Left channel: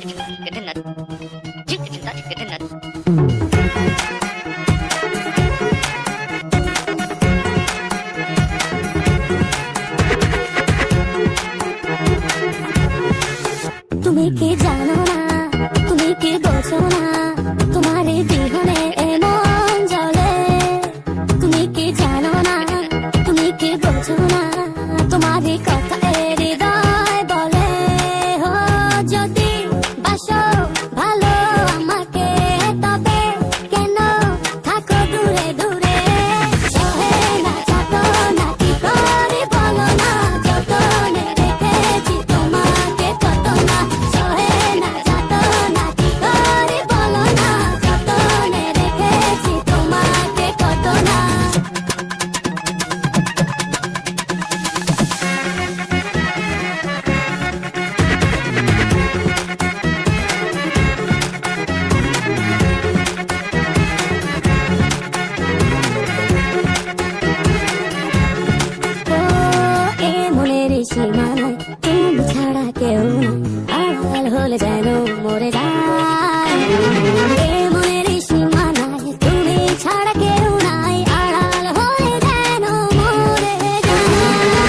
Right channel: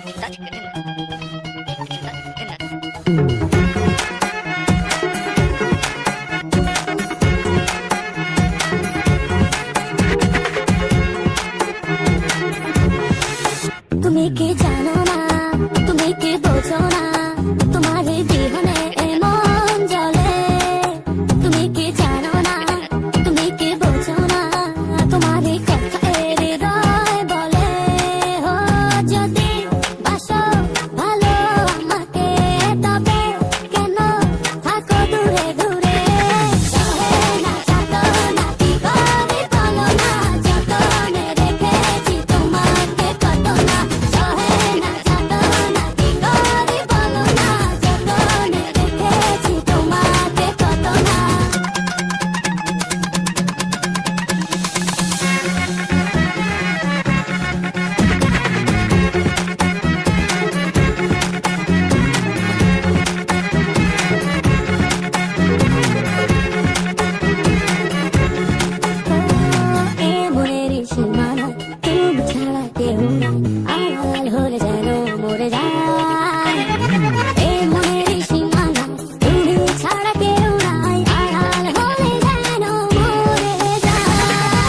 তুমি কি জানো না, তুমি কি বোঝো না, তোমার জীবনে এমন জ্বলে। তুমি কি জানো না, তুমি কি বোঝো না, তোমারই কথা হৃদয় বলে। ও যদি বাসো ভালো আমাকে, তবে কেন থাকো দূরে দূরে। সহে না যত না ঘরে বলো না, যতনে রেখেছি তোমাকে কত না। সহে না যত না ঘরে বলো না, যতনে রেখেছি তোমাকে কত না। এই মনের সীমানায় তুমি ছাড়া কেউ আড়াল হলে যেন মরে যায়। এই মনের সীমানায় তুমি ছাড়া কেউ নাই, আড়াল হলে যেন মরে যায়।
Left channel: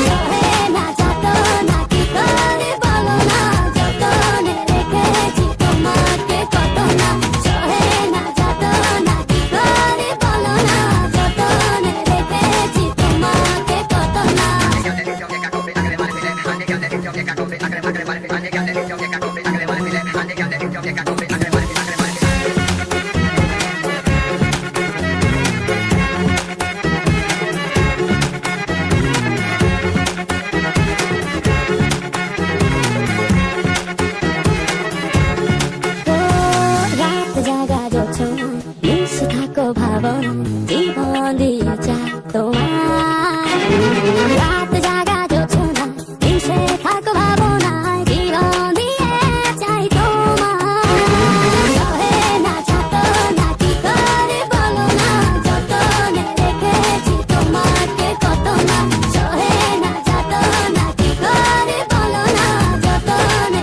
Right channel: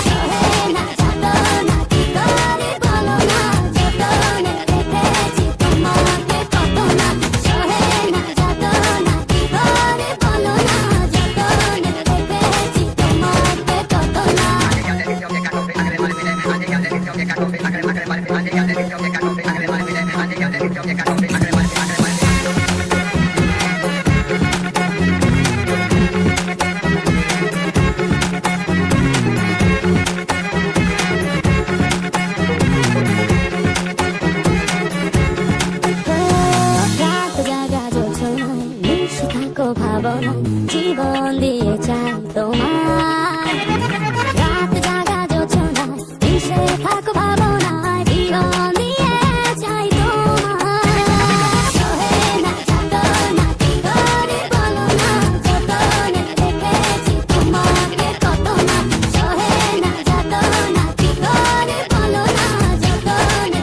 সহে না যত না ঘরে বলো না, যতনে রেখেছি তোমাকে কত না। সহে না যত না ঘরে বলো না, যতনে রেখেছি তোমাকে কত না। রাত জাগা যোজনা, মিশে থাকো ভাবনা, জীবন দিয়েছ